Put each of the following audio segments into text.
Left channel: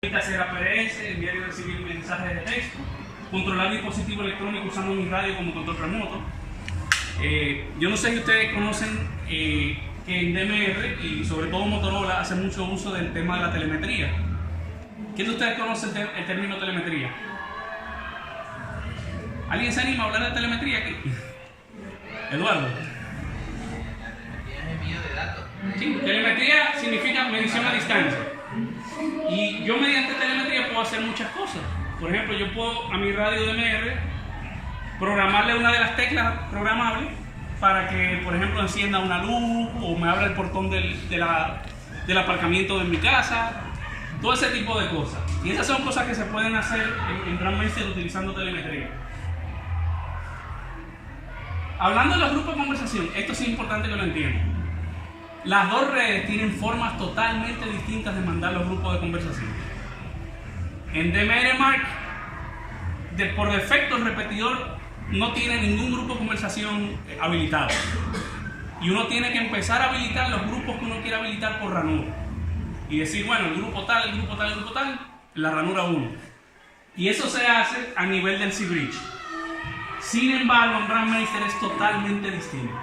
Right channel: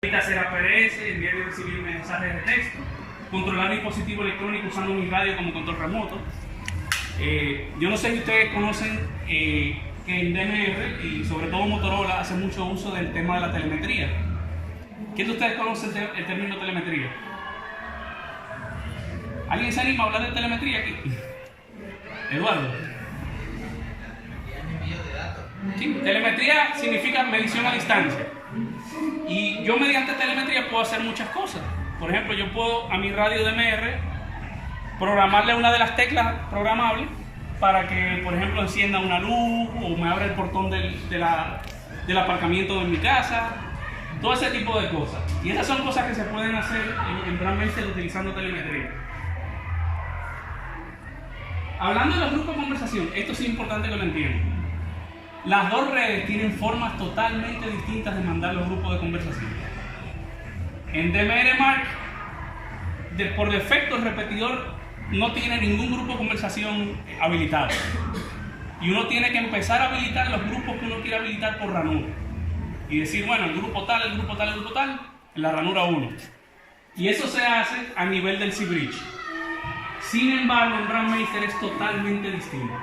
hacer APRS, enviar y recibir mensajes de texto, controlar dispositivo electrónico usando mi radio como control remoto. Yo no sé si ustedes conocen que en DMR y sobre todo Motorola hace mucho uso del tema de la telemetría. ¿Quién de ustedes conoce el término telemetría? ¿Alguien se anima a hablar de telemetría aquí? Eduardo. Envío de datos. Sí, telemetría significa medición a distancia. Y yo mediante telemetría puedo hacer muchas cosas. Por ejemplo, yo puedo a mi radio DMR programarle una de las teclas programables para que, por ejemplo, encienda una luz o me abra el portón del aparcamiento de mi casa. Todo ese tipo de cosas. Y esas son cosas que se pueden hacer en Brandmeister utilizando telemetría. Hablando de los grupos de conversación, esto sí es importante que lo entiendan. Las dos redes tienen formas totalmente distintas de mandar los grupos de conversación. En DMR Mark, por defecto el repetidor no tiene ningún grupo de conversación habilitado. Y uno tiene que empezar a habilitar los grupos que uno quiere habilitar por ranura. Y decir, bueno, el grupo tal, el grupo tal, el grupo tal, en la ranura 1. Y eso se hace a nivel del C-Bridge. Sin embargo, en Brandmeister es totalmente distinto.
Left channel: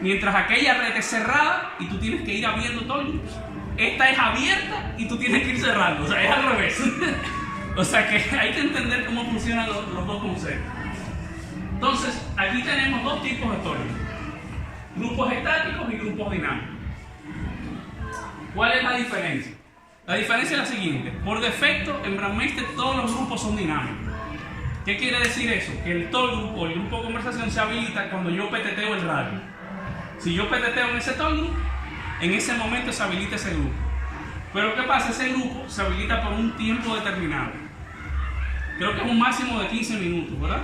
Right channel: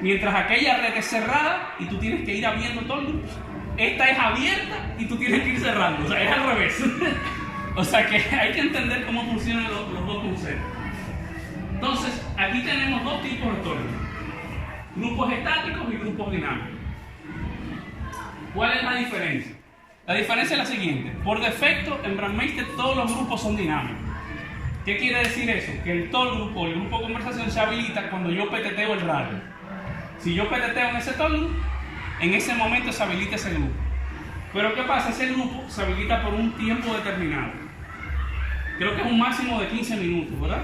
Mientras aquella red es cerrada y tú tienes que ir abriendo todos los grupos, esta es abierta y tú tienes que ir cerrando, o sea, es al revés. O sea que hay que entender cómo funcionan los dos conceptos. Entonces, aquí tenemos dos tipos de storage: grupos estáticos y grupos dinámicos. ¿Cuál es la diferencia? La diferencia es la siguiente: por defecto, en Brandmeister todos los grupos son dinámicos. ¿Qué quiere decir eso? Que el tollgroup o el grupo de conversación se habilita cuando yo peteteo el radio. Si yo peteteo en ese tollgroup, en ese momento se habilita ese grupo. Pero ¿qué pasa? Ese grupo se habilita por un tiempo determinado. Creo que es un máximo de 15 minutos, ¿verdad?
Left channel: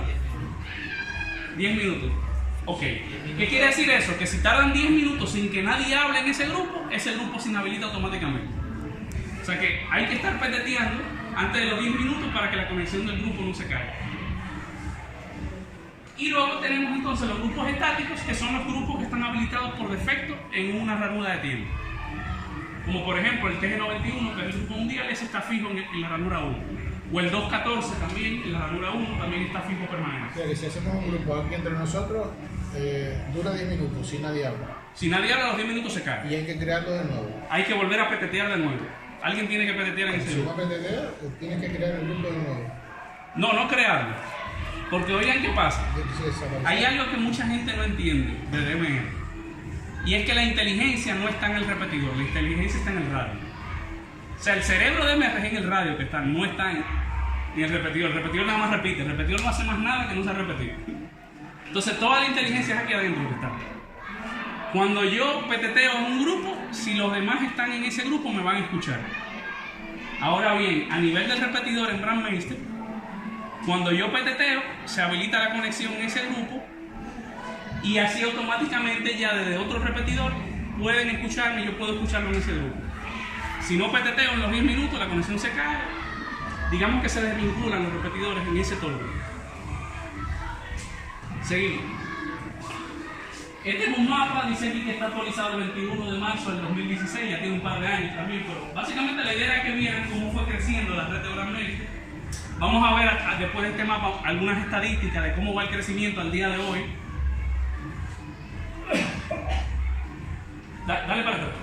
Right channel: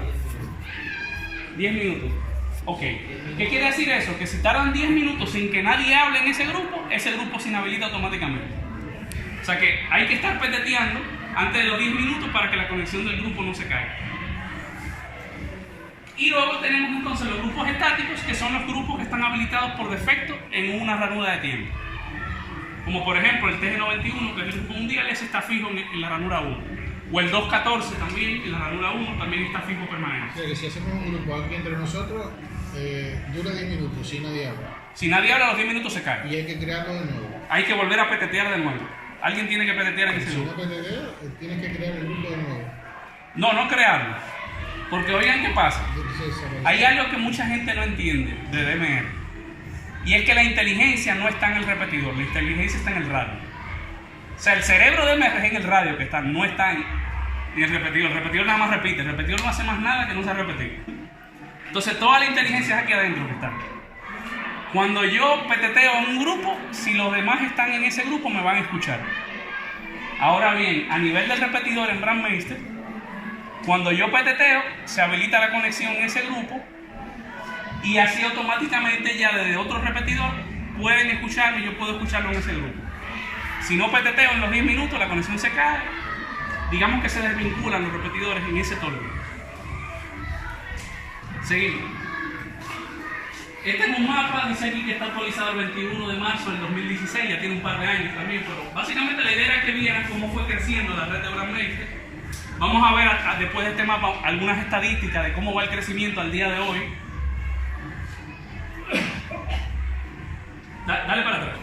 10 minutos. Ok. ¿Qué quiere decir eso? Que si tardan 10 minutos sin que nadie hable en ese grupo se inhabilita automáticamente. O sea que hay que estar peteteando antes de los 10 minutos para que la conexión del grupo no se caiga. Y luego tenemos entonces los grupos estáticos, que son los grupos que están habilitados por defecto en una ranura de tiempo. Como por ejemplo el TG91, que es el grupo mundial, ese está fijo en la ranura 1. O el 214 también, en la ranura 1, también está fijo permanente. O sea que si hacemos un grupo aquí entre nosotros, dura 10 minutos, si nadie habla. Si nadie habla, a los 10 minutos se cae. Y hay que crearlo de nuevo. Hay que volver a petetear de nuevo. Alguien tiene que petetear en ese grupo. Si no petetear, tienes que crear el grupo de nuevo. No crearlo. Porque oigan qué pasa. Hay algo que mucha gente no entiende de DMR. Y es que la inteligencia no está en el repetidor, la inteligencia está en el radio. O sea, el cerebro de DMR es en el radio que está, no está en el repetidor. El repetidor nada más repite, el repetidor no hace más nada que no sea repetir. Entonces toda la inteligencia es aquí adentro que está. Cuando yo peteteo en un grupo, si los demás están en ese grupo me van a escuchar. Ahora bien, a nivel del repetidor en Brandmeister, cuando yo peteteo, se habilita la conexión en ese grupo y así automáticamente ya desde otro repetidor pueden escucharme y yo puedo escucharlo en ese grupo. Si no peteteo en los 10 minutos, la conexión se cae. Digamos que se desvinculan los repetidores en ese todo grupo. Seguimos. Este es un mapa, dice aquí que está actualizado el 21 de marzo del 2016, ya tiene un par de años también, pero básicamente la idea es que vieran cómo fue creciendo la red de Brandmeister. Vamos a ver después de este mapa algunas estadísticas de cómo va el crecimiento al día de hoy. Dale para atrás.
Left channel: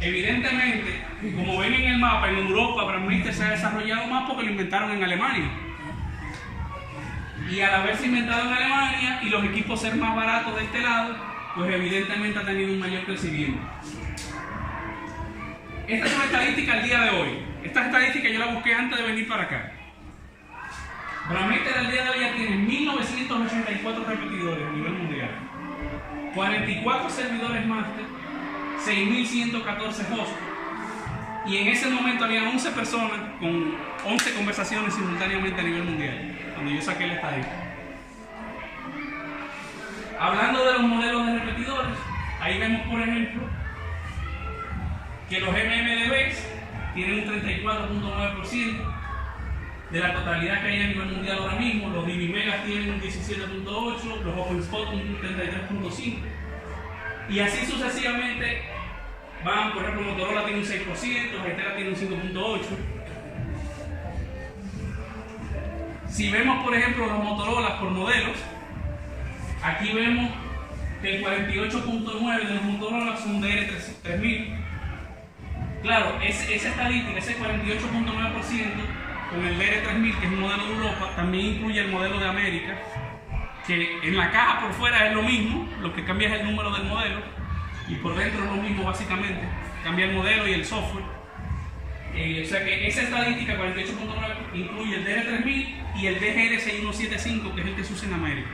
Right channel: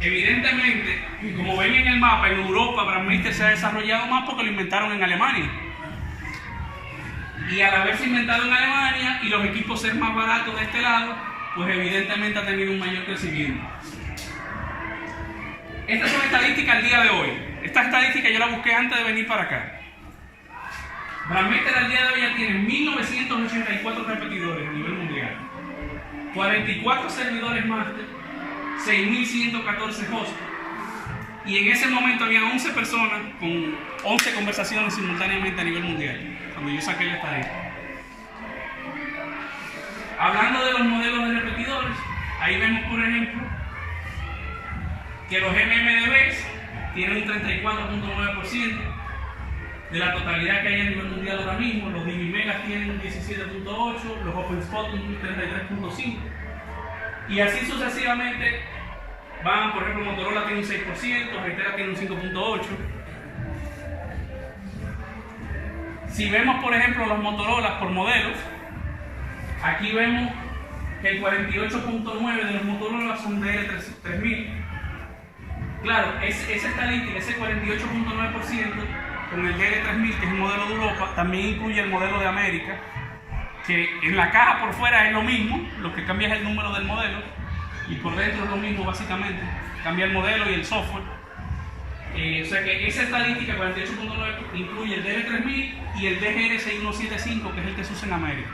Evidentemente, como ven en el mapa, en Europa Brandmeister se ha desarrollado más porque lo inventaron en Alemania. Y al haberse inventado en Alemania y los equipos ser más baratos de este lado, pues evidentemente ha tenido un mayor crecimiento. Estas son estadísticas al día de hoy. Estas estadísticas yo las busqué antes de venir para acá. Brandmeister al día de hoy ya tiene 1984 repetidores a nivel mundial, 44 servidores máster, 6114 hosts, y en ese momento había 11 personas con 11 conversaciones simultáneamente a nivel mundial, cuando yo saqué la estadística. Hablando de los modelos de repetidores, ahí vemos por ejemplo que los MMDBs tienen un 34.9% de la totalidad que hay a nivel mundial ahora mismo. Los DiviMegas tienen un 17.8%, los OpenSpot un 33.5%, y así sucesivamente por ejemplo, Motorola tiene un 6%, Gestera tiene un 5.8%. Si vemos, por ejemplo, los Motorola por modelos, aquí vemos que el 48.9% de los Motorola son DR3000. Claro, esa estadística, ese 48.9% con el DR3000, que es un modelo de Europa, también incluye el modelo de América, que en la caja por fuera es lo mismo, lo que cambia es el número del modelo, y por dentro es lo mismo básicamente, cambia el modelo y el software. O sea que esa estadística 48.9 incluye el DR3000 y el DGR6175, que es el que se usa en América.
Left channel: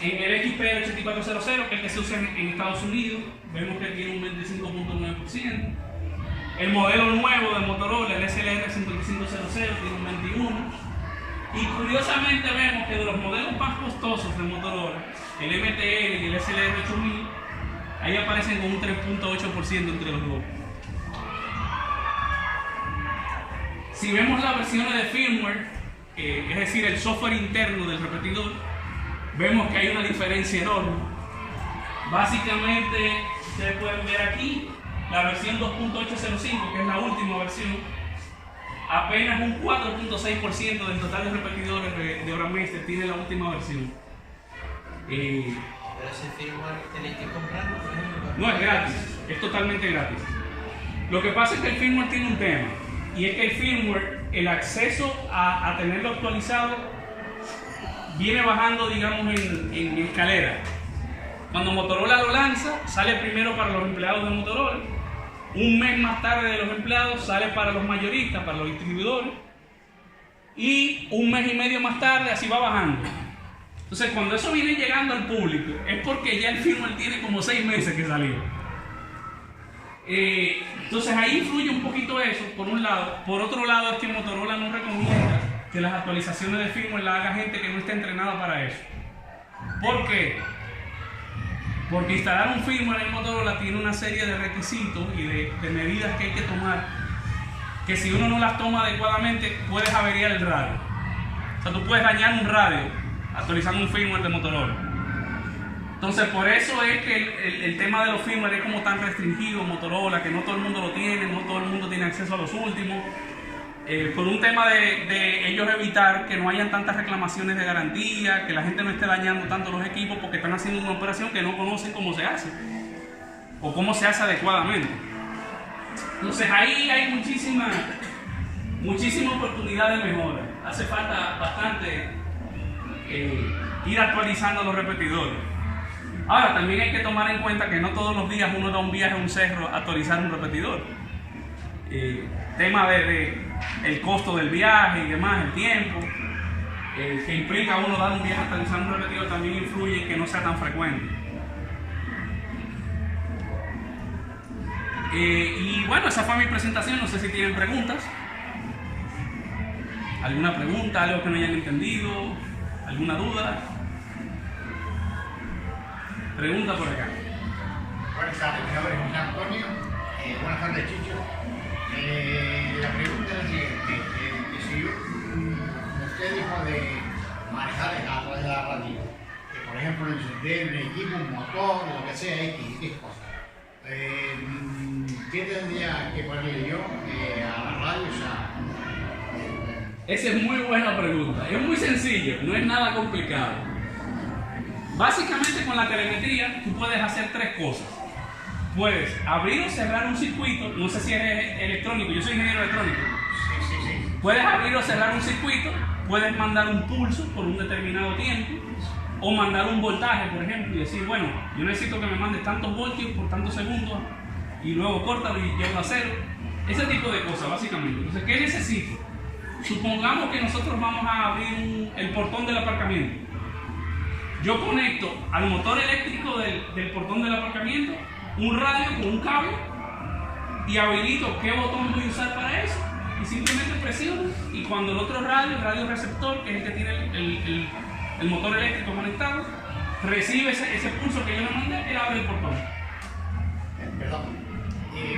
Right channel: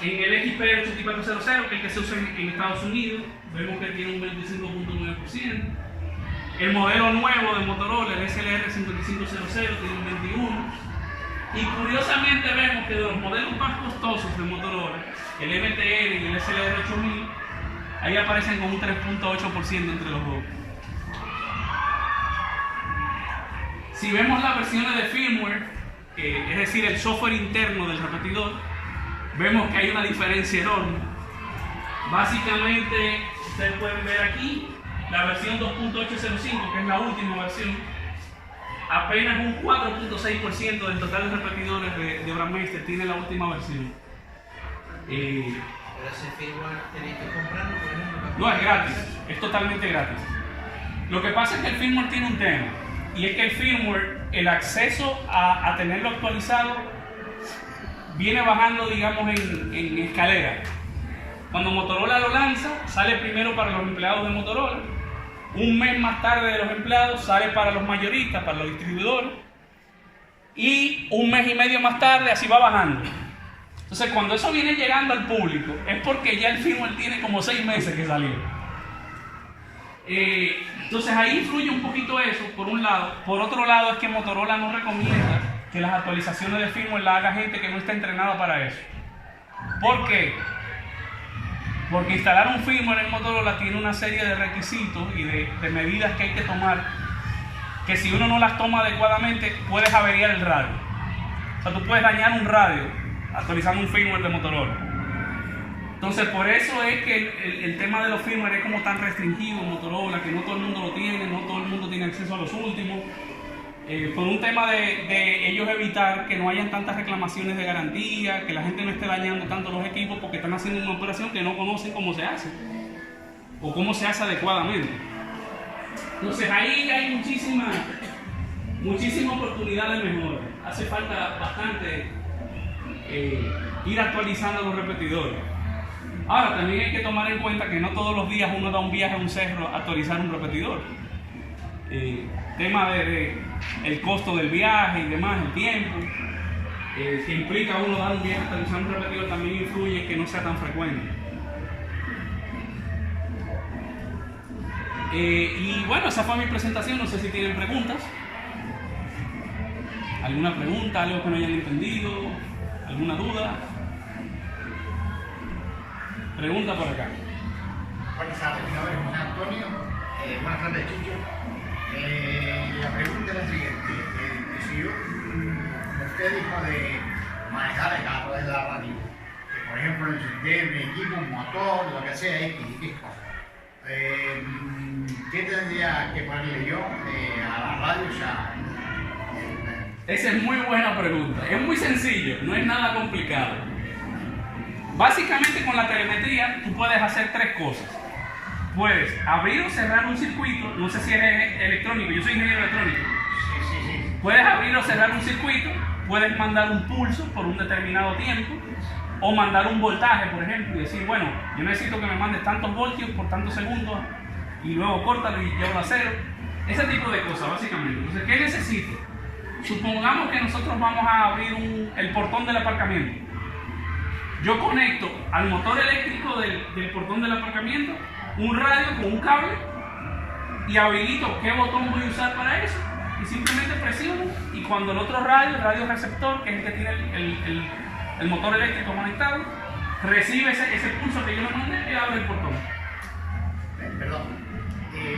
En el XP8400, que es el que se usa en Estados Unidos, vemos que tiene un 25.9%. El modelo nuevo de Motorola, el SLR5500, tiene un 21%. Y curiosamente vemos que de los modelos más costosos de Motorola, el MTL y el SLR8000, ahí aparecen con un 3.8% entre los dos. Si vemos las versiones de firmware, es decir, el software interno del repetidor, vemos que hay una diferencia enorme. Básicamente, ustedes pueden ver aquí la versión 2.805, que es la última versión, apenas un 4.6% del total de repetidores de Brandmeister tiene la última versión. Pero ese firmware tenéis que comprarlo, por ejemplo. No, es gratis, es totalmente gratis. Lo que pasa es que el firmware tiene un tema, y es que el firmware, el acceso a tenerlo actualizado, viene bajando, digamos, en escalera. Cuando Motorola lo lanza, sale primero para los empleados de Motorola. Un mes más tarde de los empleados sale para los mayoristas, para los distribuidores. Y un mes y medio más tarde así va bajando. Entonces cuando eso viene llegando al público es porque ya el firmware tiene como 6 meses que salió. Entonces ahí influye un poquito eso, por un lado. Por otro lado es que Motorola no recomienda que las actualizaciones de firmware las haga gente que no está entrenada para eso. ¿Por qué? Porque instalar un firmware en Motorola tiene una serie de requisitos y de medidas que hay que tomar, que si uno no las toma adecuadamente puedes averiar el radio. O sea, tú puedes dañar un radio actualizando un firmware de Motorola. Entonces por eso es que el tema de los firmware es como tan restringido en Motorola, que no todo el mundo lo tiene, no todo el mundo tiene acceso a los últimos. Por un tema de ellos evitar que no hayan tantas reclamaciones de garantía, que la gente no esté dañando tanto los equipos porque están haciendo una operación que no conocen cómo se hace o cómo se hace adecuadamente. Entonces ahí hay muchísima oportunidad de mejora. Hace falta bastante ir actualizando los repetidores. Ahora también hay que tomar en cuenta que no todos los días uno da un viaje a un cerro a actualizar un repetidor. Tema de el costo del viaje y demás, el tiempo que implica uno dar un viaje a actualizar un repetidor también influye en que no sea tan frecuente. Y bueno, esa fue mi presentación. No sé si tienen preguntas. ¿Alguna pregunta? ¿Algo que no hayan entendido? ¿Alguna duda? Pregunta por acá. Buenas tardes, mi nombre es José Antonio. Buenas tardes, Chicho. La pregunta es la siguiente. Si usted dijo de manejar a través de la radio, por ejemplo, encender un equipo, un motor, lo que sea, X cosas. ¿Qué tendría que ponerle yo a la radio? O sea, esa es muy buena pregunta. Es muy sencillo, no es nada complicado. Básicamente con la telemetría tú puedes hacer 3 cosas. Puedes abrir o cerrar un circuito, no sé si eres electrónico, yo soy ingeniero electrónico. Sí. Puedes abrir o cerrar un circuito, puedes mandar un pulso por un determinado tiempo, o mandar un voltaje, por ejemplo, y decir, bueno, yo necesito que me mandes tantos voltios por tantos segundos, y luego córtalo y llévalo a 0. Ese tipo de cosas, básicamente. Entonces, ¿qué necesito? Supongamos que nosotros vamos a abrir el portón del aparcamiento. Yo conecto al motor eléctrico del portón del aparcamiento un radio con un cable y habilito qué botón voy a usar para eso y simplemente presiono, y cuando el otro radio, el radio receptor, que es el que tiene el motor eléctrico conectado, recibe ese pulso que yo le mandé, él abre el portón. Perdón.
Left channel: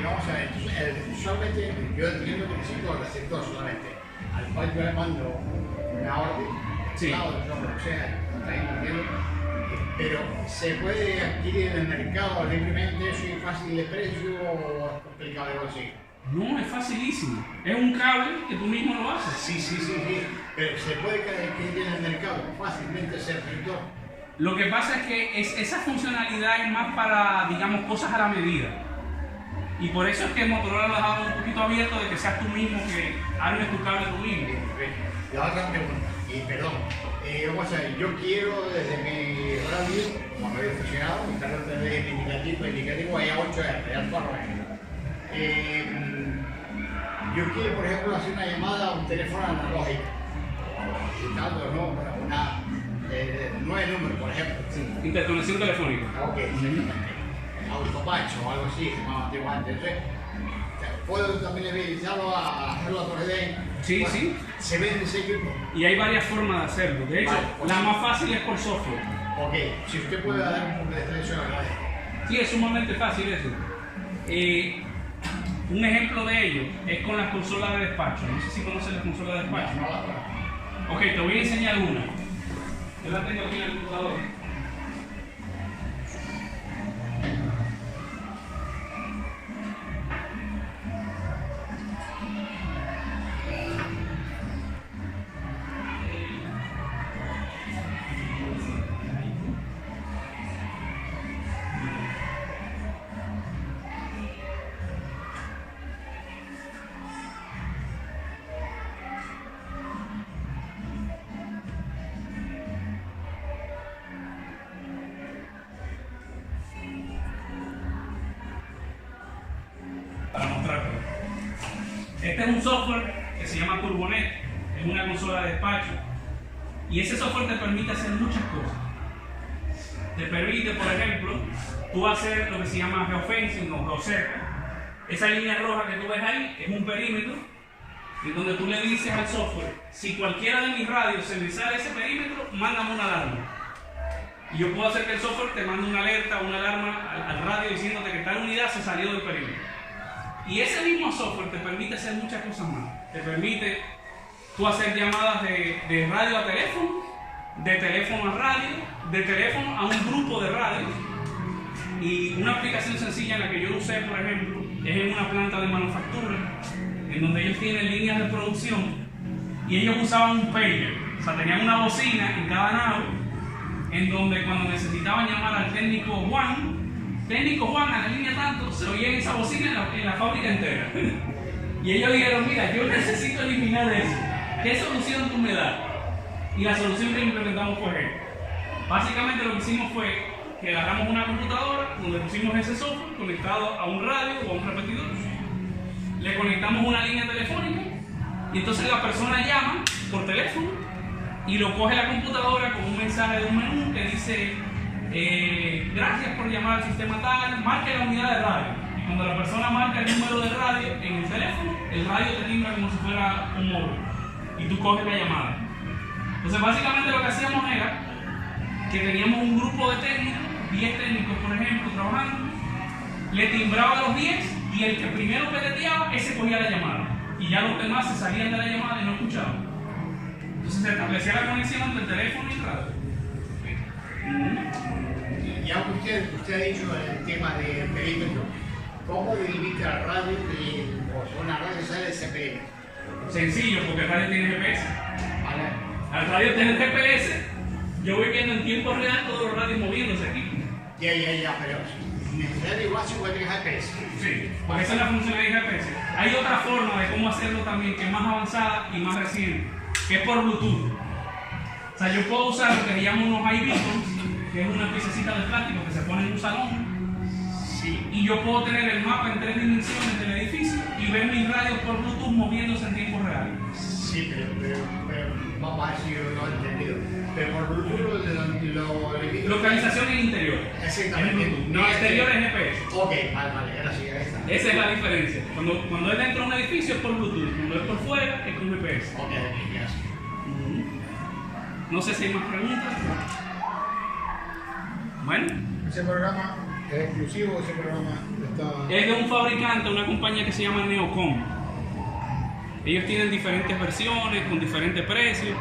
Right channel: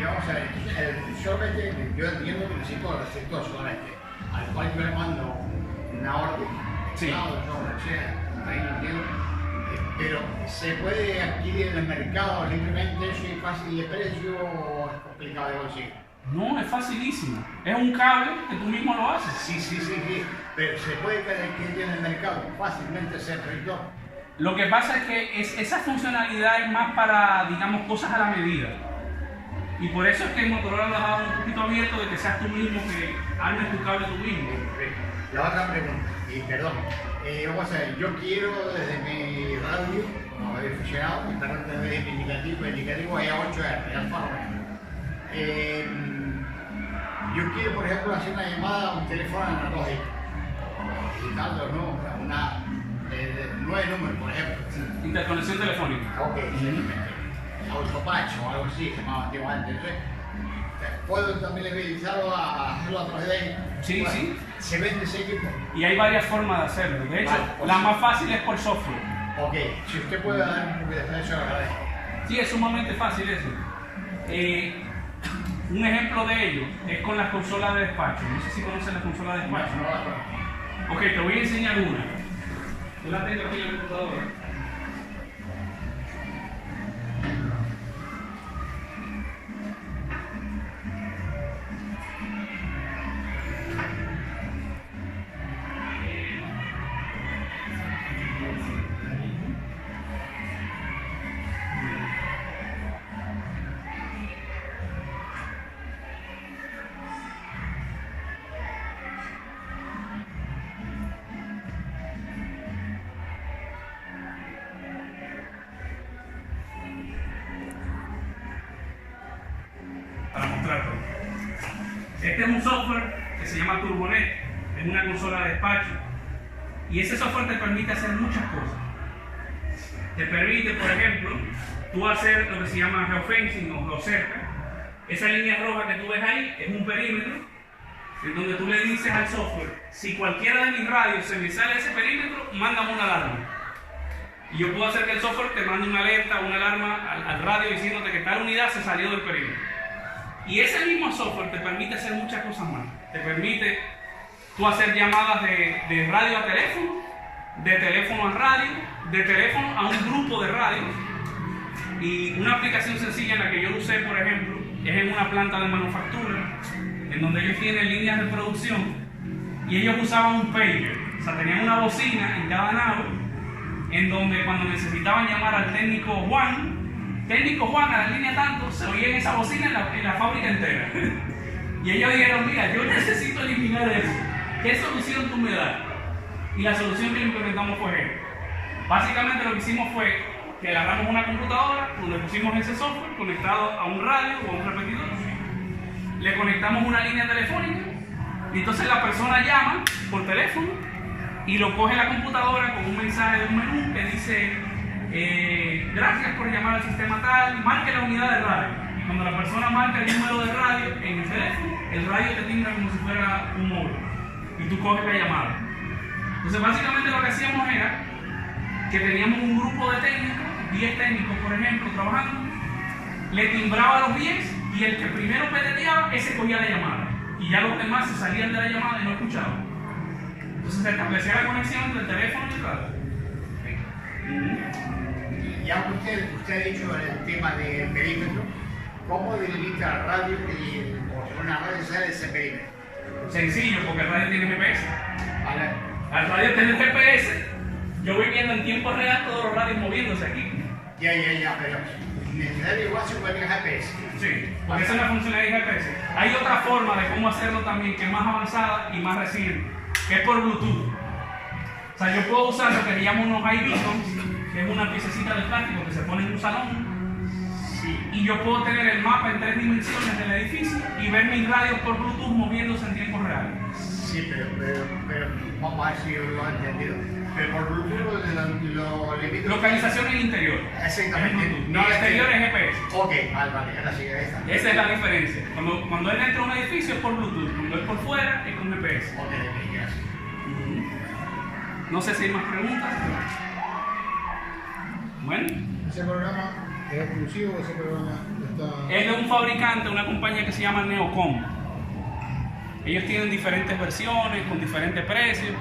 Vamos a ver, entonces solamente yo entiendo que necesito el receptor solamente, al cual yo le mando una orden, Sí. lo que sea, ahí lo entiendo. Pero ¿se puede adquirir en el mercado simplemente eso y fácil de precio o es complicado de conseguir? No, es facilísimo. Es un cable que tú mismo lo haces. Sí. Pero ¿se puede adquirir en el mercado fácilmente ese reproductor? Lo que pasa es que esa funcionalidad es más para, digamos, cosas a la medida. Y por eso es que Motorola lo ha dado un poquito abierto de que seas tú mismo, que armes tu cable tú mismo. La otra pregunta, y perdón, vamos a ver, yo quiero desde mi radio, como había funcionado, estar desde mi indicativo hay 8R, ya forma. Yo quiero, por ejemplo, hacer una llamada a un teléfono analógico, dando una 9 números, por ejemplo. Sí. Interconexión telefónica. Ok, exactamente. Autopacho o algo así, se llamaba antiguamente. Entonces, ¿puedo también habilitarlo a hacerlo a través de? Sí, Bueno, sí. ¿se vende ese equipo? Y hay varias formas de hacerlo. De hecho, Vale, pues la sí. más fácil es por software. Ok, si usted puede dar un poco de detalle, yo lo agradezco. Sí, es sumamente fácil eso. Un ejemplo de ello es con las consolas de despacho. No sé si conocen las consolas de despacho. No la conozco. Ok, te voy a enseñar una. Yo la tengo aquí en la computadora. Para mostrarlo. Este es un software que se llama Turbonet, es una consola de despacho y ese software te permite hacer muchas cosas. Te permite, por ejemplo, tú hacer lo que se llama geofencing o geocerca. Esa línea roja que tú ves ahí es un perímetro en donde tú le dices al software, si cualquiera de mis radios se me sale ese perímetro, mándame una alarma. Y yo puedo hacer que el software te mande una alerta o una alarma al radio diciéndote que tal unidad se salió del perímetro. Y ese mismo software te permite hacer muchas cosas más. Te permite tú hacer llamadas de radio a teléfono, de teléfono a radio, de teléfono a un grupo de radios. Y una aplicación sencilla en la que yo lo usé, por ejemplo, es en una planta de manufactura, en donde ellos tienen líneas de producción y ellos usaban un pager. O sea, tenían una bocina en cada nave, en donde cuando necesitaban llamar al técnico Juan a la línea tanto, se oía en esa bocina en la fábrica entera. Y ellos dijeron, mira, yo necesito eliminar eso. ¿Qué solución tú me das? Y la solución que implementamos fue esta. Básicamente lo que hicimos fue que agarramos una computadora donde pusimos ese software conectado a un radio o a un repetidor. Le conectamos una línea telefónica y entonces la persona llama por teléfono y lo coge la computadora con un mensaje de un menú que dice gracias por llamar al sistema tal, marque la unidad de radio. Y cuando la persona marca el número de radio en el teléfono, el radio te timbra como si fuera un móvil y tú coges la llamada. Entonces básicamente lo que hacíamos era que teníamos un grupo de técnicos, 10 técnicos por ejemplo, trabajando, le timbraba a los 10 y el que primero peteteaba, ese cogía la llamada. Y ya los demás se salían de la llamada y no escuchaban. Entonces se establecía la conexión entre el teléfono y el radio. Ya usted ha dicho el tema del perímetro, ¿cómo delimita la radio que una radio sale de ese perímetro? Sencillo, porque el radio tiene GPS. ¿Vale? Al radio tener GPS, yo voy viendo en tiempo real todos los radios moviéndose aquí. Ya, pero necesario igual se puede GPS. Sí, porque esa es la funcionalidad de GPS. Hay otra forma de cómo hacerlo también, que es más avanzada y más reciente, que es por Bluetooth. O sea, yo puedo usar lo que se llama unos iBeacons, que es una piececita de plástico que se pone en un salón. Sí. Y yo puedo tener el mapa en 3 dimensiones del edificio y ver mis radios por Bluetooth moviéndose en tiempo real. Sí, pero vamos a ver si yo lo he entendido. Pero por Bluetooth lo limito. Localización en interior. Exactamente. No, exterior es GPS. Ok, vale, gracias. Esa es la diferencia. Cuando es dentro de un edificio es por Bluetooth, cuando es por fuera es con GPS. Ok, gracias. No sé si hay más preguntas. Bueno. Ese programa es exclusivo, ese programa está... Es de un fabricante, una compañía que se llama Neocom. Ellos tienen diferentes versiones con diferentes precios.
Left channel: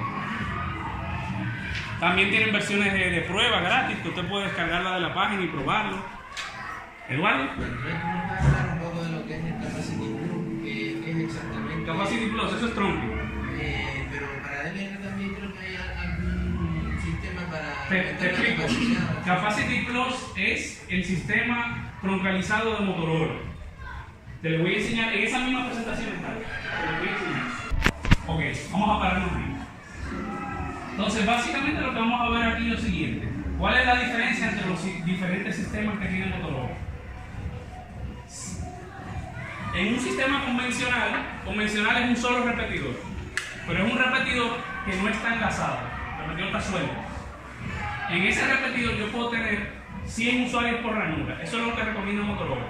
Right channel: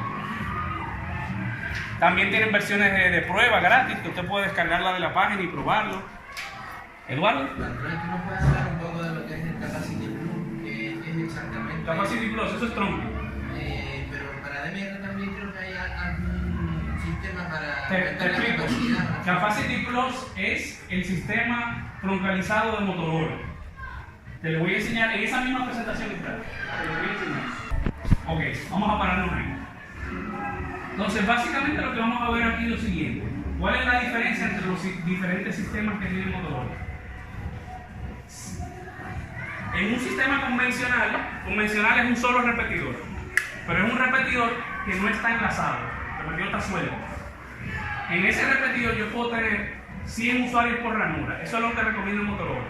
También tienen versiones de prueba gratis que usted puede descargarla de la página y probarlo. Eduardo. ¿Nos puede hablar un poco de lo que es el Capacity Plus? ¿Qué es exactamente? Capacity Plus, eso es tronco. Pero para DMR también creo que hay algún sistema para Te aumentar la explico. capacidad. Capacity Plus es el sistema troncalizado de Motorola. Te lo voy a enseñar en esa misma presentación está. Te lo voy a enseñar. Ok, vamos a pararnos ahí. Entonces, básicamente lo que vamos a ver aquí es lo siguiente. ¿Cuál es la diferencia entre los diferentes sistemas que tiene Motorola? En un sistema convencional es un solo repetidor, pero es un repetidor que no está enlazado, el repetidor está suelto. En ese repetidor yo puedo tener 100 usuarios por ranura, eso es lo que recomienda Motorola.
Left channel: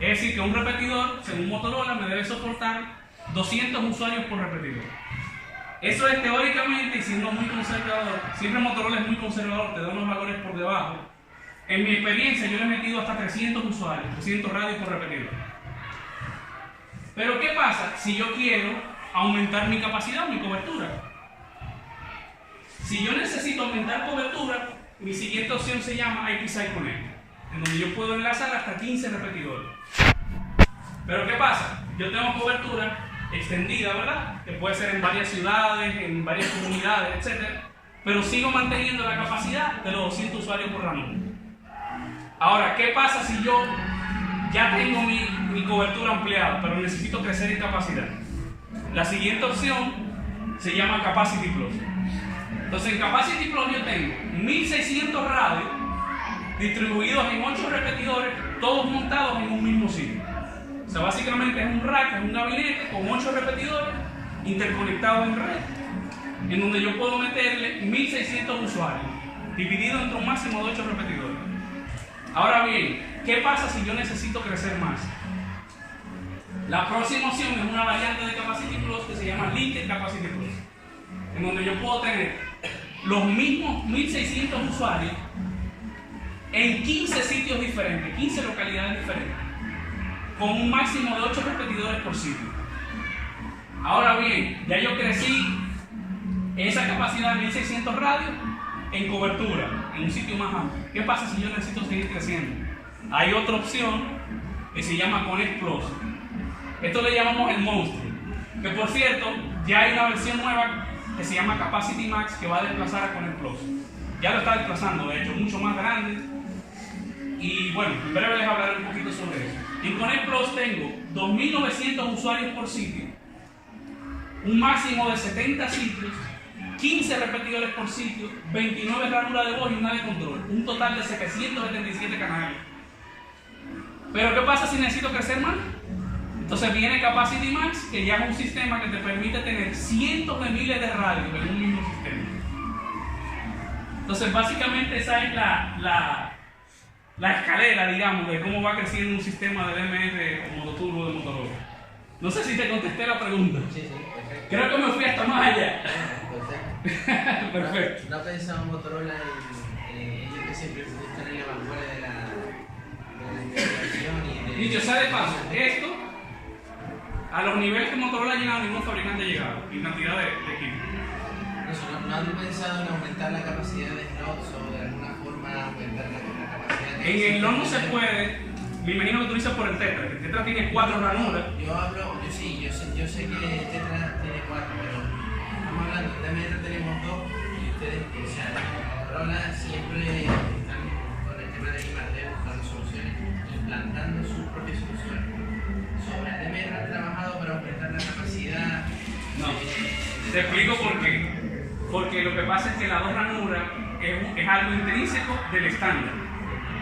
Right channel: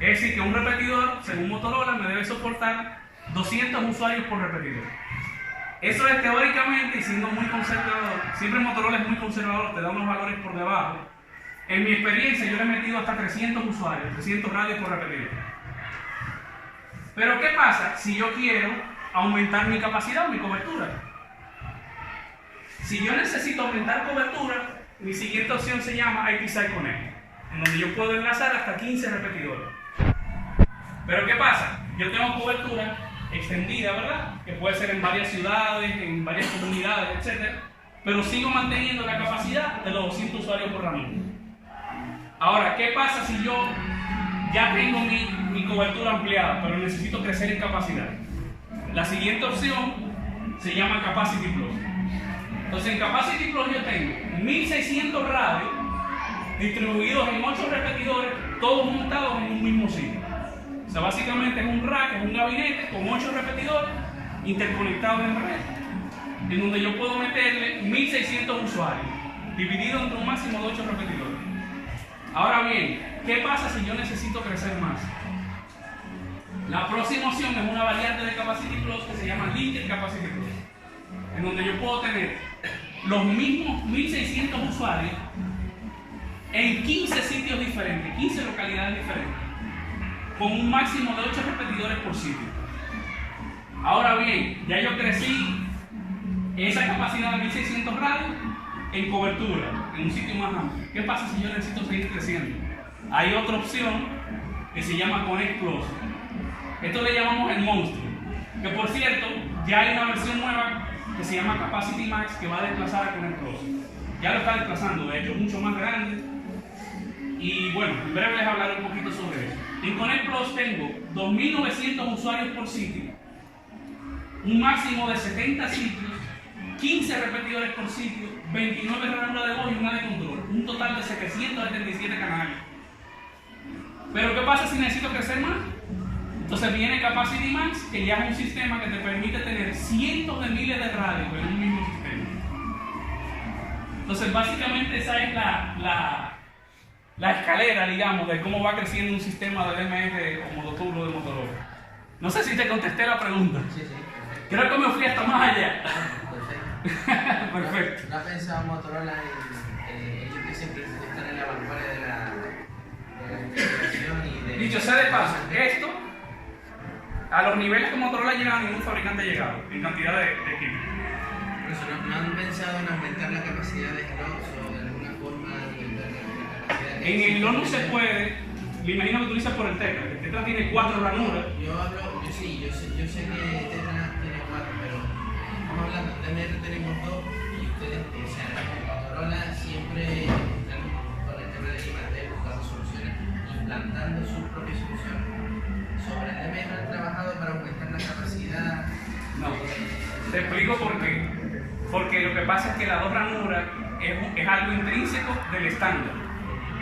Es decir, que un repetidor, según Motorola, me debe soportar 200 usuarios por repetidor. Eso es teóricamente y siendo muy conservador, siempre Motorola es muy conservador, te da unos valores por debajo. En mi experiencia yo le he metido hasta 300 usuarios, 300 radios por repetidor. Pero ¿qué pasa si yo quiero aumentar mi capacidad o mi cobertura? Si yo necesito aumentar cobertura, mi siguiente opción se llama IPsite Connect, en donde yo puedo enlazar hasta 15 repetidores. Pero ¿qué pasa? Yo tengo cobertura extendida, ¿verdad? Que puede ser en varias ciudades, en varias comunidades, etc. Pero sigo manteniendo la capacidad de los 200 usuarios por ranura. Ahora, ¿qué pasa si yo ya tengo mi cobertura ampliada, pero necesito crecer en capacidad? La siguiente opción se llama Capacity Plus. Entonces en Capacity Plus yo tengo 1600 radios distribuidos en 8 repetidores, todos montados en un mismo sitio. O sea, básicamente es un rack, es un gabinete con 8 repetidores interconectados en red, en donde yo puedo meterle 1600 usuarios, dividido entre un máximo de 8 repetidores. Ahora bien, ¿qué pasa si yo necesito crecer más? La próxima opción es una variante de Capacity Plus que se llama Linked Capacity Plus, en donde yo puedo tener los mismos 1600 usuarios en 15 sitios diferentes, 15 localidades diferentes, con un máximo de 8 repetidores por sitio. Ahora bien, ya yo crecí esa capacidad de 1600 radios en cobertura, en un sitio más amplio. ¿Qué pasa si yo necesito seguir creciendo? Hay otra opción que se llama Connect Plus. Esto le llamamos el monstruo, que por cierto, ya hay una versión nueva que se llama Capacity Max que va a desplazar a Connect Plus. Ya lo está desplazando, de hecho, mucho más grande. Y bueno, en breve les hablaré un poquito sobre eso. En Connect Plus tengo 2900 usuarios por sitio, un máximo de 70 sitios, 15 repetidores por sitio, 29 ranuras de voz y una de control, un total de 777 canales. Pero ¿qué pasa si necesito crecer más? Entonces viene Capacity Max, que ya es un sistema que te permite tener cientos de miles de radios en un mismo sistema. Entonces básicamente esa es la escalera, digamos, de cómo va creciendo un sistema de DMR o modo turbo de Motorola. No sé si te contesté la pregunta. Sí, perfecto. Creo que me fui hasta más allá. Perfecto. Perfecto. ¿No ha pensado Motorola en ellos que siempre están en la vanguardia de la investigación y de... Dicho sea de paso, esto, a los niveles que Motorola ha llegado, ningún fabricante ha llegado en cantidad de equipos. ¿No han pensado en aumentar la capacidad de slots o de alguna forma aumentar la capacidad de... En el LON no se puede, me imagino que tú dices por el Tetra, que el Tetra tiene 4 ranuras. Yo sé que Tetra tiene 4, pero estamos hablando, en DMR tenemos 2 y ustedes, o sea, Motorola siempre están con el tema de I+D buscando soluciones, implantando sus propias soluciones. Sobre el DMR han trabajado para aumentar la capacidad. No, te explico por qué. Porque lo que pasa es que la 2 ranuras es algo intrínseco del estándar.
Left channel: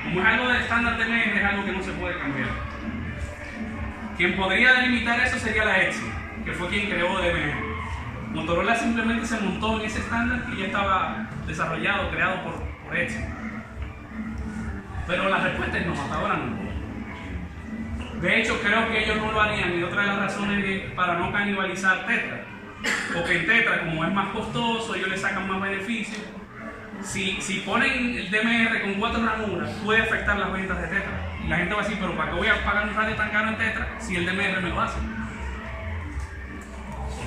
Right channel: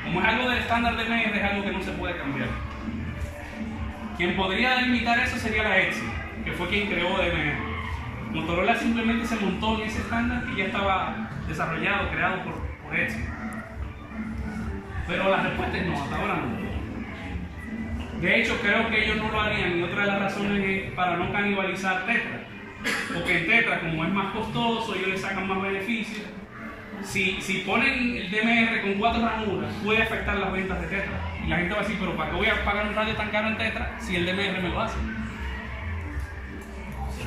Como es algo del estándar de DMR, es algo que no se puede cambiar. Quien podría delimitar eso sería la Etsy, que fue quien creó DMR. Motorola simplemente se montó en ese estándar que ya estaba desarrollado, creado por Etsy. Pero la respuesta es no, hasta ahora no. De hecho, creo que ellos no lo harían, y otra de las razones es para no canibalizar Tetra. Porque en Tetra, como es más costoso, ellos le sacan más beneficios. Si ponen el DMR con 4 ranuras, puede afectar las ventas de Tetra. Y la gente va a decir, pero ¿para qué voy a pagar un radio tan caro en Tetra si el DMR me lo hace? ¿Se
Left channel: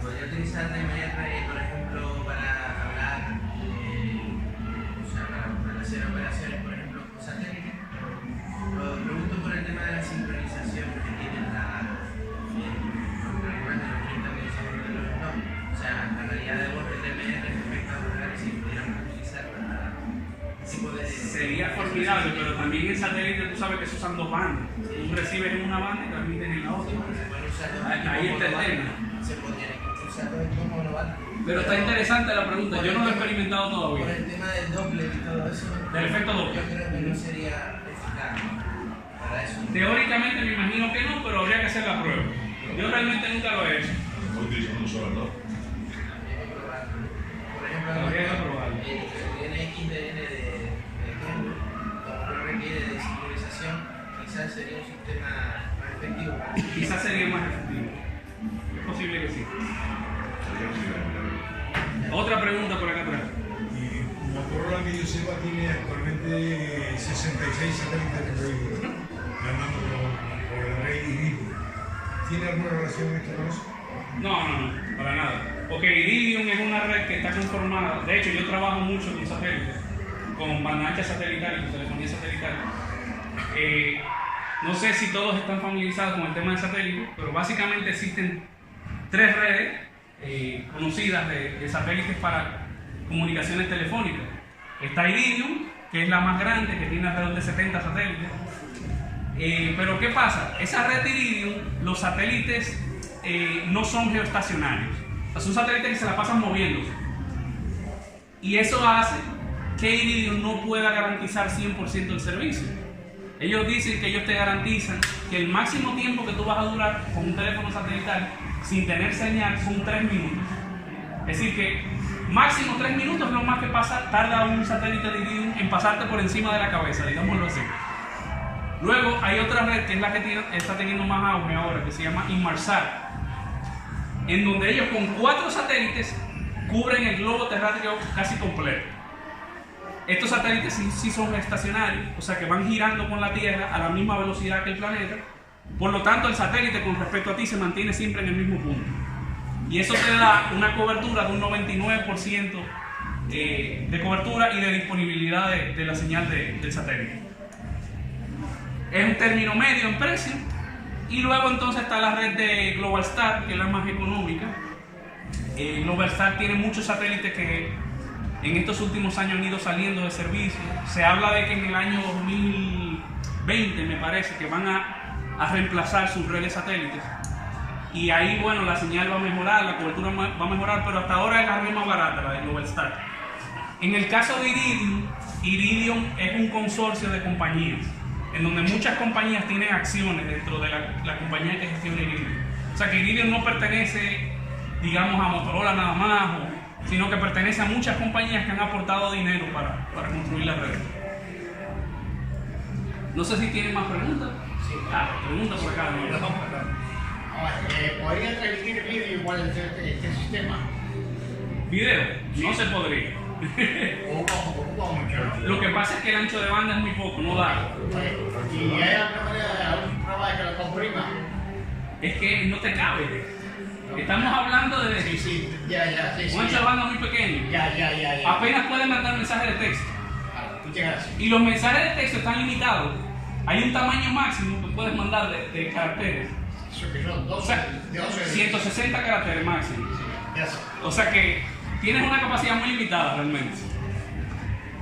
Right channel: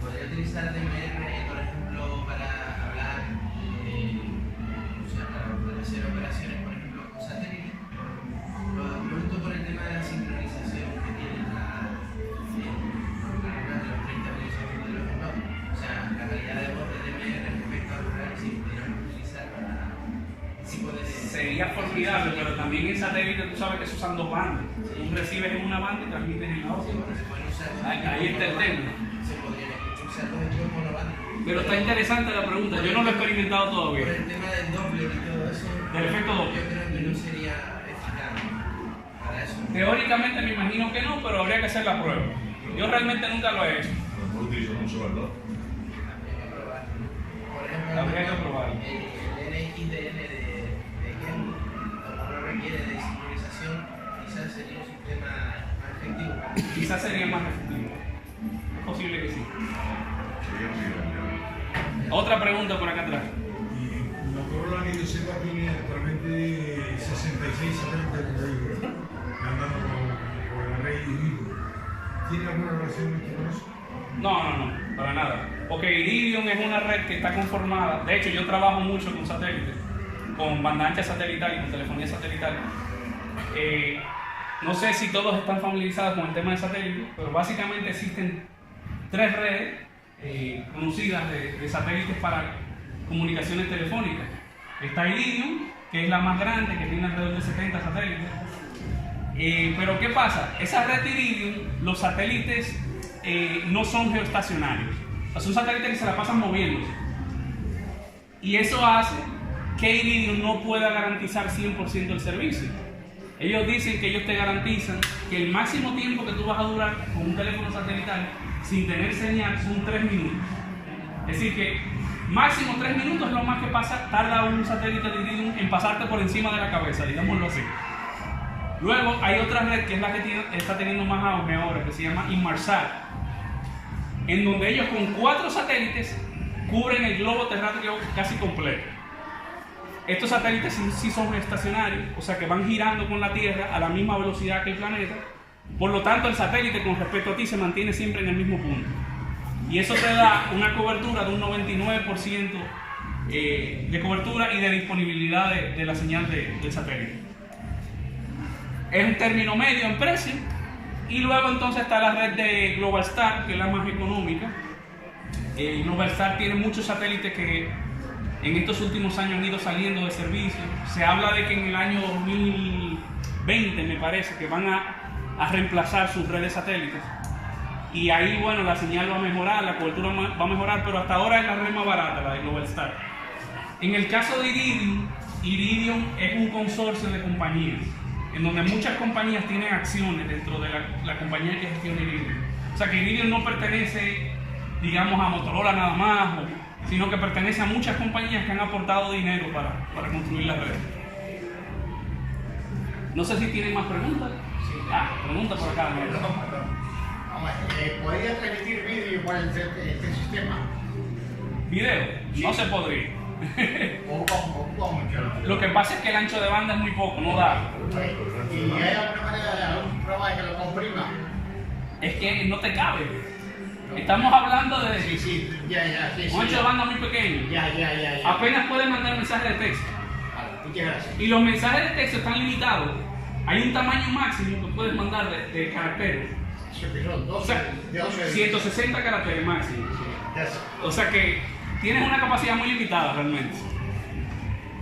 podría utilizar DMR, por ejemplo, para formidable, pero también en satélite tú sabes que se usan dos bandas. Un receiver en una banda y transmiten en la otra. Ahí está el tema. Se podrían usar los equipos monobanda. Pero está interesante la pregunta, yo no lo he experimentado todavía. Por el tema del Doppler y todo eso. Del efecto Yo Doppler. creo que no sería eficaz para eso. Teóricamente me imagino que no, pero habría que hacer la prueba. Yo realmente nunca lo he hecho. A lo mejor utilizando un solo reloj. Por ejemplo, Habría que probarlo. el NXDN de Ken, como no requiere de sincronización, quizás sería un sistema más efectivo. Quizás sería más efectivo. Es posible que sí. Otra pregunta por acá atrás. Y Motorola que yo sepa tiene actualmente 66 satélites andando por la red Iridium. ¿Tiene alguna relación esto con eso? No, para nada. Porque Iridium es una red que está conformada. De hecho, yo trabajo mucho con satélites, con banda ancha satelital y con telefonía satelital. No sé si todos están familiarizados con el tema de satélites, pero básicamente existen 3 redes conocidas de satélites para comunicaciones telefónicas. Está Iridium, que es la más grande, que tiene alrededor de 70 satélites. Pero ¿qué pasa? Esa red de Iridium, los satélites no son geoestacionarios. O sea, son satélites que se la pasan moviéndose. Y eso hace que Iridium no pueda garantizar 100% el servicio. Ellos dicen que ellos te garantizan que el máximo tiempo que tú vas a durar con un teléfono satelital sin tener señal son 3 minutos. Es decir, que máximo 3 minutos es lo más que tarda un satélite de Iridium en pasarte por encima de la cabeza, digámoslo así. Luego hay otra red que es la que está teniendo más auge ahora, que se llama Inmarsat, en donde ellos con 4 satélites cubren el globo terráqueo casi completo. Estos satélites sí son estacionarios, o sea que van girando con la Tierra a la misma velocidad que el planeta. Por lo tanto, el satélite con respecto a ti se mantiene siempre en el mismo punto. Y eso te da una cobertura de un 99% de cobertura y de disponibilidad de la señal del satélite. Es un término medio en precio. Y luego entonces está la red de Globalstar, que es la más económica. Globalstar tiene muchos satélites que en estos últimos años han ido saliendo de servicio. Se habla de que en el año 2020, me parece, que van a reemplazar sus redes satélites. Y ahí, bueno, la señal va a mejorar, la cobertura va a mejorar, pero hasta ahora es la red más barata, la de Globalstar. En el caso de Iridium, Iridium es un consorcio de compañías, en donde muchas compañías tienen acciones dentro de la compañía que gestiona Iridium. O sea que Iridium no pertenece, digamos, a Motorola nada más, sino que pertenece a muchas compañías que han aportado dinero para construir la red. No sé si tienen más preguntas. Sí. Pregunta por acá. ¿Podría transmitir vídeo por este sistema? ¿Video? No se podría. Ocupa mucho, ¿no? Lo que pasa es que el ancho de banda es muy poco, no da. ¿Y hay alguna manera, algún programa de que lo comprima? Es que no te cabe. Estamos hablando de Sí, ya, sí. un ancho de banda muy pequeño. Ya. Apenas puedes mandar mensajes de texto. Muchas gracias. Y los mensajes de texto están limitados. Hay un tamaño máximo que puedes mandar de caracteres. Eso que son O sea, 12. 160 caracteres máximo. Ya sé. O sea que tienes una capacidad muy limitada realmente.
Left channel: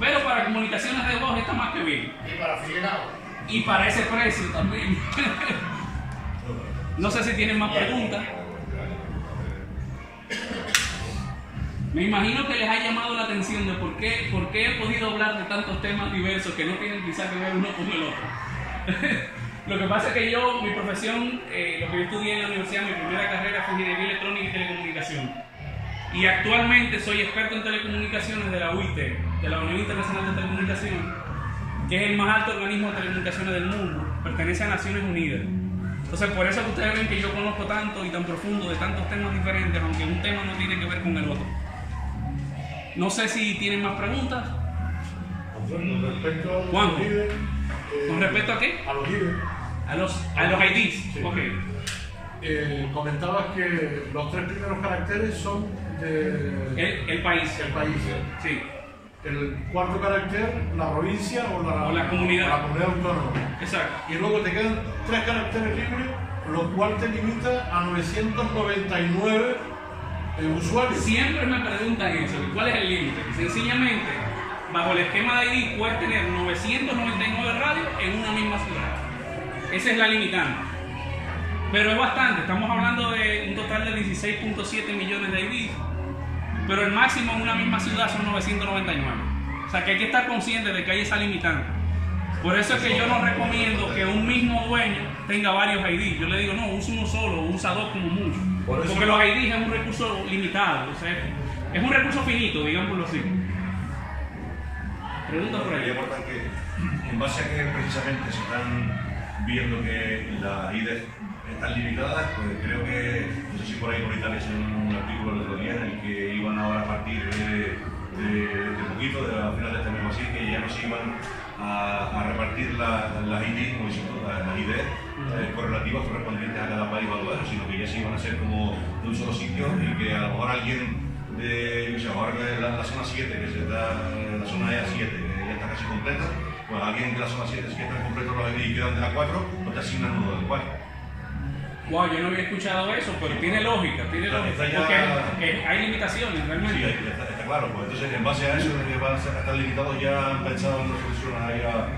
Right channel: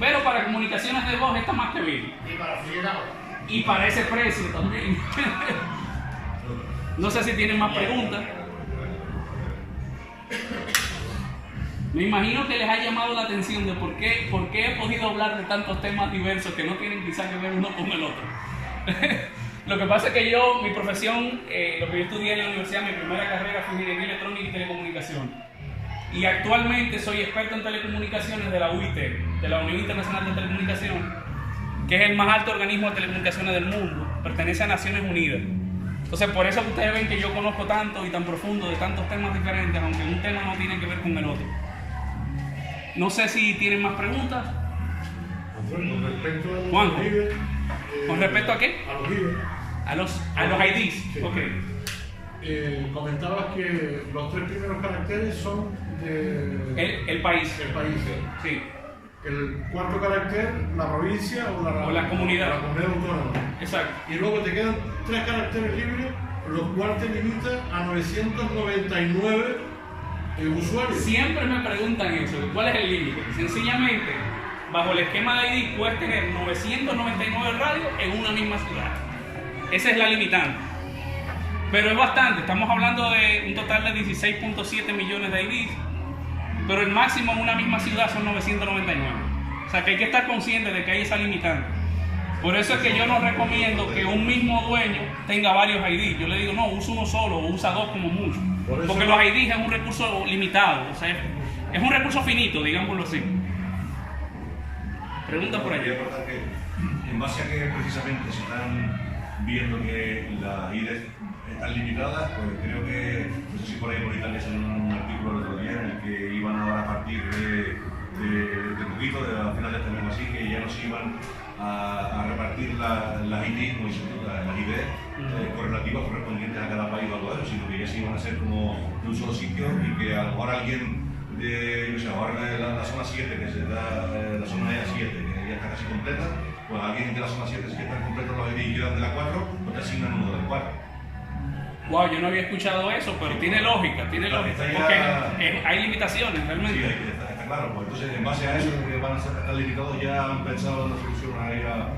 Pero para comunicaciones de voz está más que bien. Y para afiliado. Y para ese precio también. No sé si tienen más preguntas. Me imagino que les ha llamado la atención de por qué he podido hablar de tantos temas diversos que no tienen quizás que ver uno con el otro. Lo que pasa es que mi profesión, lo que yo estudié en la universidad, mi primera carrera fue Ingeniería Electrónica y Telecomunicación. Y actualmente soy experto en telecomunicaciones de la UIT, de la Unión Internacional de Telecomunicaciones, que es el más alto organismo de telecomunicaciones del mundo, pertenece a Naciones Unidas. Entonces, por eso ustedes ven que yo conozco tanto y tan profundo de tantos temas diferentes, aunque un tema no tiene que ver con el otro. No sé si tienen más preguntas. Con respecto a los Juanjo. líderes, ¿Con respecto a qué? a los líderes, A los IDs. Sí. Ok. comentabas que los 3 primeros caracteres son de El país. el país. Sí. El 4º carácter, la provincia o la comunidad. o la comunidad autónoma. Exacto. Y luego te quedan 3 caracteres libres, lo cual te limita a 999 usuarios. Siempre me preguntan eso, ¿cuál es el límite? Sencillamente, bajo el esquema de ID, puedes tener 999 radios en una misma ciudad. Esa es la limitante. Pero es bastante, estamos hablando de un total de 16.7 millones de IDs, pero el máximo en una misma ciudad son 999. O sea que hay que estar consciente de que hay esa limitante. Por eso es que yo no recomiendo que un mismo dueño tenga varios IDs. Yo le digo, no, usa uno solo o usa dos como mucho. Porque los IDs es un recurso limitado, o sea, es un recurso finito, digámoslo así. Pregunta por Quería ahí. aportar que, en base a que precisamente se están viendo que las IDs están limitadas, pues creo que, no sé si por ahí por Italia salió un artículo el otro día en el que iban ahora a partir de poquito, a final de este mes o así, que ya no se iban a repartir las IDs, como dices tú, las IDs correlativas correspondientes a cada país valuado, sino que ya se iban a hacer como de un solo sitio y que a lo mejor alguien de, yo sé, ahora de la zona 7, que se da, la zona E7, que ya está casi completa, pues alguien de la zona 7, si están completos los IDs y quedan de la 4, pues te asignan uno de la 4. Wow, yo no había escuchado eso, pero tiene lógica, Está ya- porque hay limitaciones realmente. Sí, está claro, pues entonces en base a eso de que van a estar limitados ya han pensado en una solución ahí a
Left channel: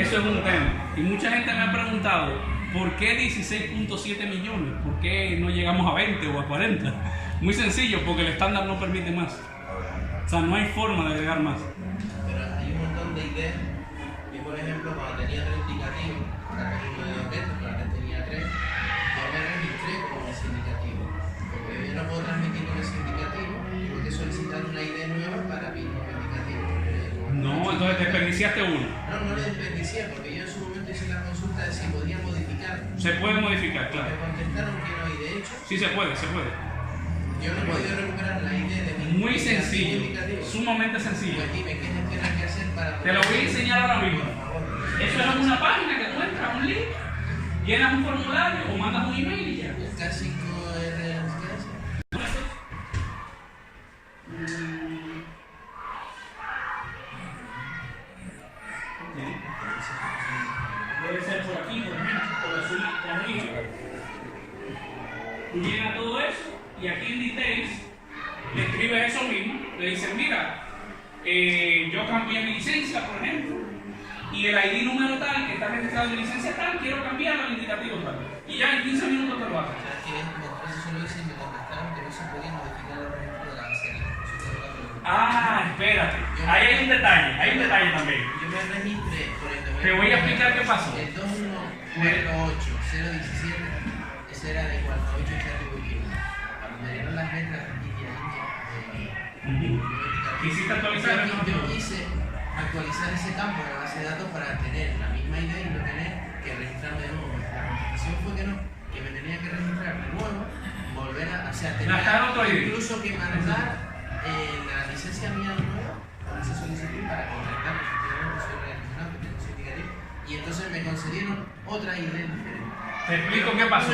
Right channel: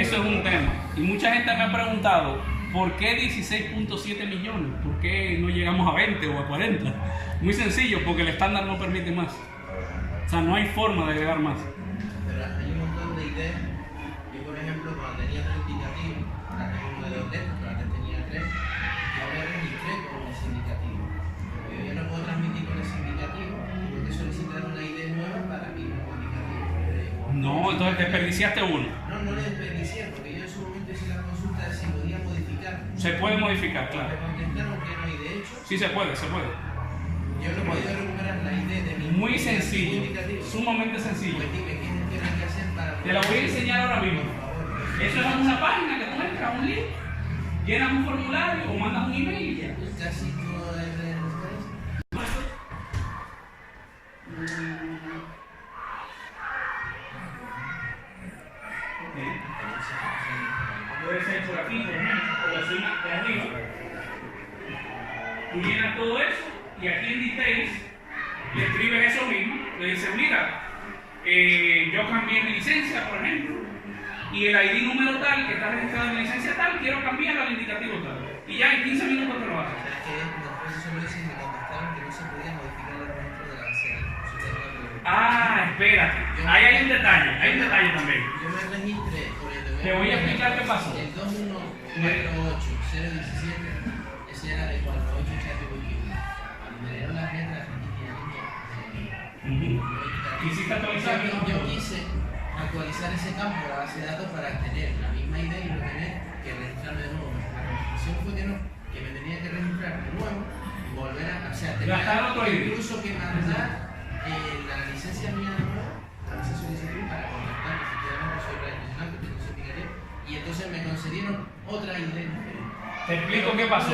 Eso es un tema. Y mucha gente me ha preguntado, ¿por qué 16.7 millones? ¿Por qué no llegamos a 20 o a 40? Muy sencillo, porque el estándar no permite más. O sea, no hay forma de agregar más. Pero hay un montón de ideas. Yo, por ejemplo, cuando tenía 3 indicativos, ahora tengo uno de 2 letras, pero antes tenía 3, yo me registré con ese indicativo. Porque yo no puedo transmitir con ese indicativo, tengo que solicitar una ID nueva para mi nuevo indicativo. No, entonces desperdiciaste uno. No lo desperdicié, porque yo en su momento hice la consulta de si podía modificar. Se puede modificar, Me claro. contestaron que no, y de hecho, Sí, se puede, se puede. yo no he podido recuperar la ID de mi Muy indicativo sencillo, indicativo. sumamente sencillo. Pues dime, ¿qué tendrás que hacer para Te lo voy a enseñar ahora mismo. Por favor. Eso es en una página que tú entras, un link, llenas un formulario o mandas un email y ya. Casi todo el Puede ser por aquí, por ejemplo, por encima de arriba. Tú llenas todo eso y aquí en Details le escribes eso mismo. Le dices, mira, yo cambié mi licencia, por ejemplo, y el ID número tal que está registrado en mi licencia tal, quiero cambiarlo al indicativo tal. Y ya en 15 minutos te lo haces. que eso solo hice y me contestaron que no se podía modificar los registros de la serie. Ah, espérate. Ahí hay un detalle también. Yo me registré por el Te voy a explicar qué pasó. El 2148017, ese era de 48 Charlie Wikipedia. Cuando me dieron las letras Quisiste actualizar el yo quise actualizar ese campo de la base de datos para tener la misma idea y no tener que registrarme de nuevo. La contestación fue que me tenía que registrar de nuevo, volver a, o sea, Gastar otro ID. incluso que mandar la licencia mía nueva con esa solicitud para contactar, efectivamente soy radioaficionado, que tengo certificativo, y entonces me concedieron otra ID diferente. Te explico qué pasó.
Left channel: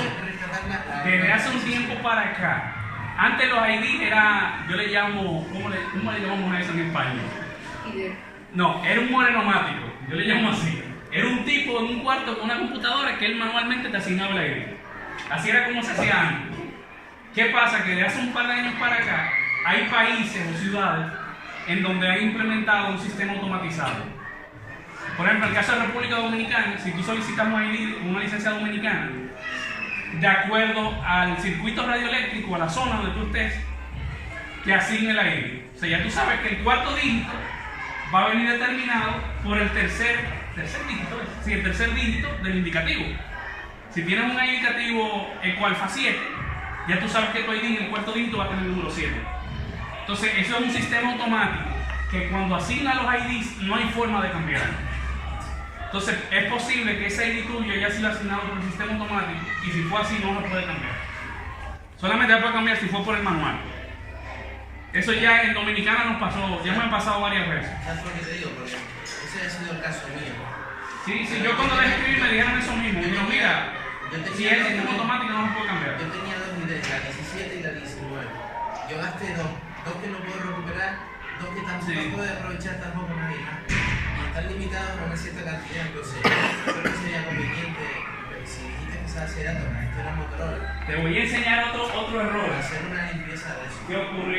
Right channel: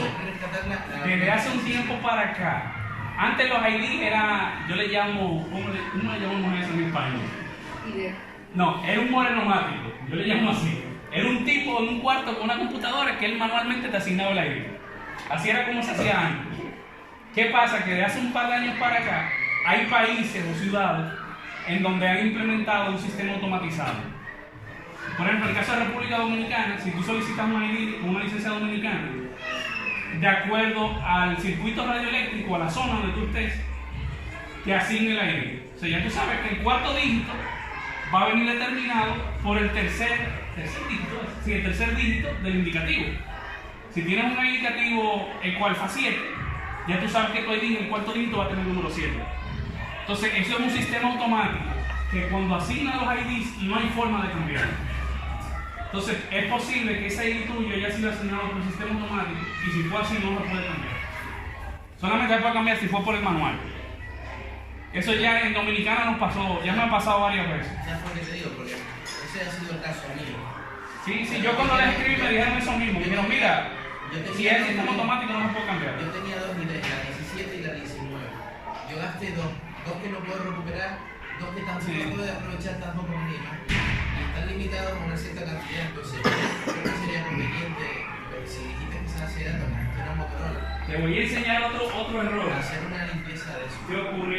Desde hace un tiempo para acá, antes los ID era, yo le llamo, ¿cómo le llamamos a eso en español? No, era un morenomático, yo le llamo así. Era un tipo en un cuarto con una computadora que él manualmente te asignaba el ID. Así era como se hacía antes. ¿Qué pasa? Que de hace un par de años para acá, hay países o ciudades en donde han implementado un sistema automatizado. Por ejemplo, en el caso de República Dominicana, si tú solicitas un ID, una licencia dominicana, de acuerdo al circuito radioeléctrico, a la zona donde tú estés, te asigne el ID. O sea, ya tú sabes que el cuarto dígito va a venir determinado por el tercer dígito del indicativo. Si tienes un indicativo ecualfa 7, ya tú sabes que tu ID en el cuarto dígito va a tener el número 7. Entonces, eso es un sistema automático que cuando asigna los IDs no hay forma de cambiar. Entonces, es posible que ese ID tuyo haya sido asignado por el sistema automático y si fue así no lo puede cambiar. Solamente se puede cambiar si fue por el manual. Eso ya en Dominicana nos pasó, ya me ha pasado varias veces. ¿Sabes por qué te digo? Porque ese ha sido el caso mío. Sí, yo cuando les escribí me dijeron eso mismo. Me dijeron, mira, si es sistema automático no se puede cambiar. Yo tenía dos ideas, la 17 y la 19. Yo gasté dos que no puedo recuperar, dos que tampoco puedo aprovechar tampoco nadie más. Y están limitados a una cierta cantidad, entonces creo que sería conveniente, si dijiste que esa base de datos la gestiona Motorola, Te voy a enseñar otro error. hacer una limpieza de eso. ¿Qué ocurrió?